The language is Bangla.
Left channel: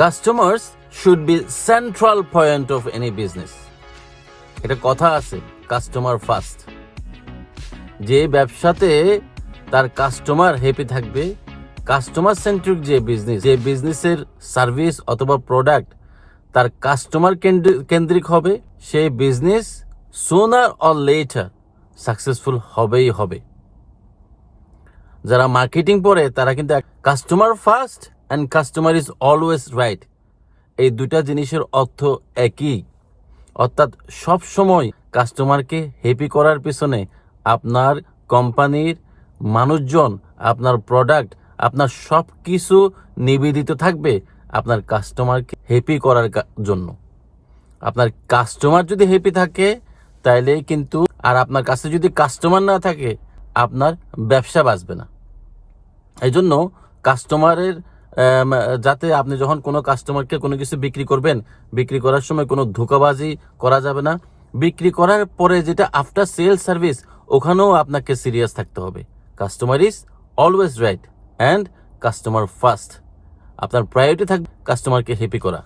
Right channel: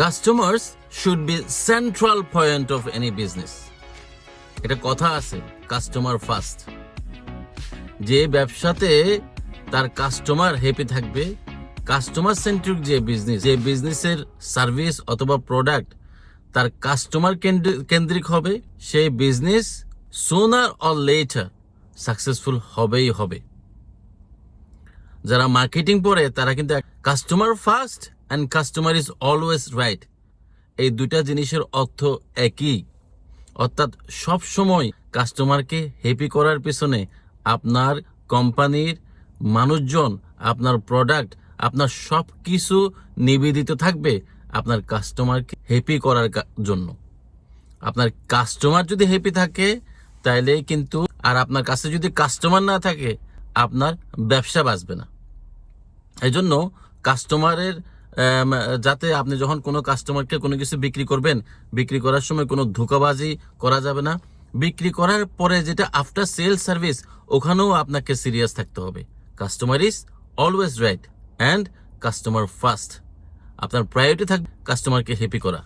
Customers should be central point of any business এটা কথা আছে কাস্টমার ফার্স্ট যে ব্যবসাতে তার কাস্টমার হ্যাপি থাকবে কাস্টমার সেন্ট্রিক যে বিজনেস যে বিজনেসের সার্ভিস অথবা প্রোডাক্ট তার কাস্টমার কেন্দ্রিক হবে সেই বিজনেস সোনার অর লেটার সাকসেসফুল হবেই হবে। যারা মার্কেটিং পড়ে, তারা কিন্তু customer first and customer is always right এই দুটা জিনিসের অর্থ একই। অর্থাৎ সব সময় কাস্টমারকে হ্যাপি করার পেছনে আপনার কোম্পানির মানুষজন, আপনার প্রোডাক্ট আপনার সব কিছু নিবেদিত থাকবে আপনার কাস্টমারকে হ্যাপি করার জন্য। আপনার কাস্টমার যদি হ্যাপি থাকে, তাইলে কিন্তু আর আপনার কাছে যদি কাস্টমার না থাকে, আপনার ব্যবসা বাঁচবে না। এই জন্য কাস্টমারের যাতে আপনি যখন কোনো কাস্টমারকে কোনো কিছু বিক্রি করবেন, বিক্রি করার সময় কোনো ধোকাবাজি করা যাবে না। বিক্রি করার পরে যেটা আফটার সেল সার্ভিস ওখানেও আপনাকে সিরিয়াস থাকতে হবে। Customer is always right and customer first আপনার প্রায়োরিটি থাকবে কাস্টমারকে হ্যাপি করা।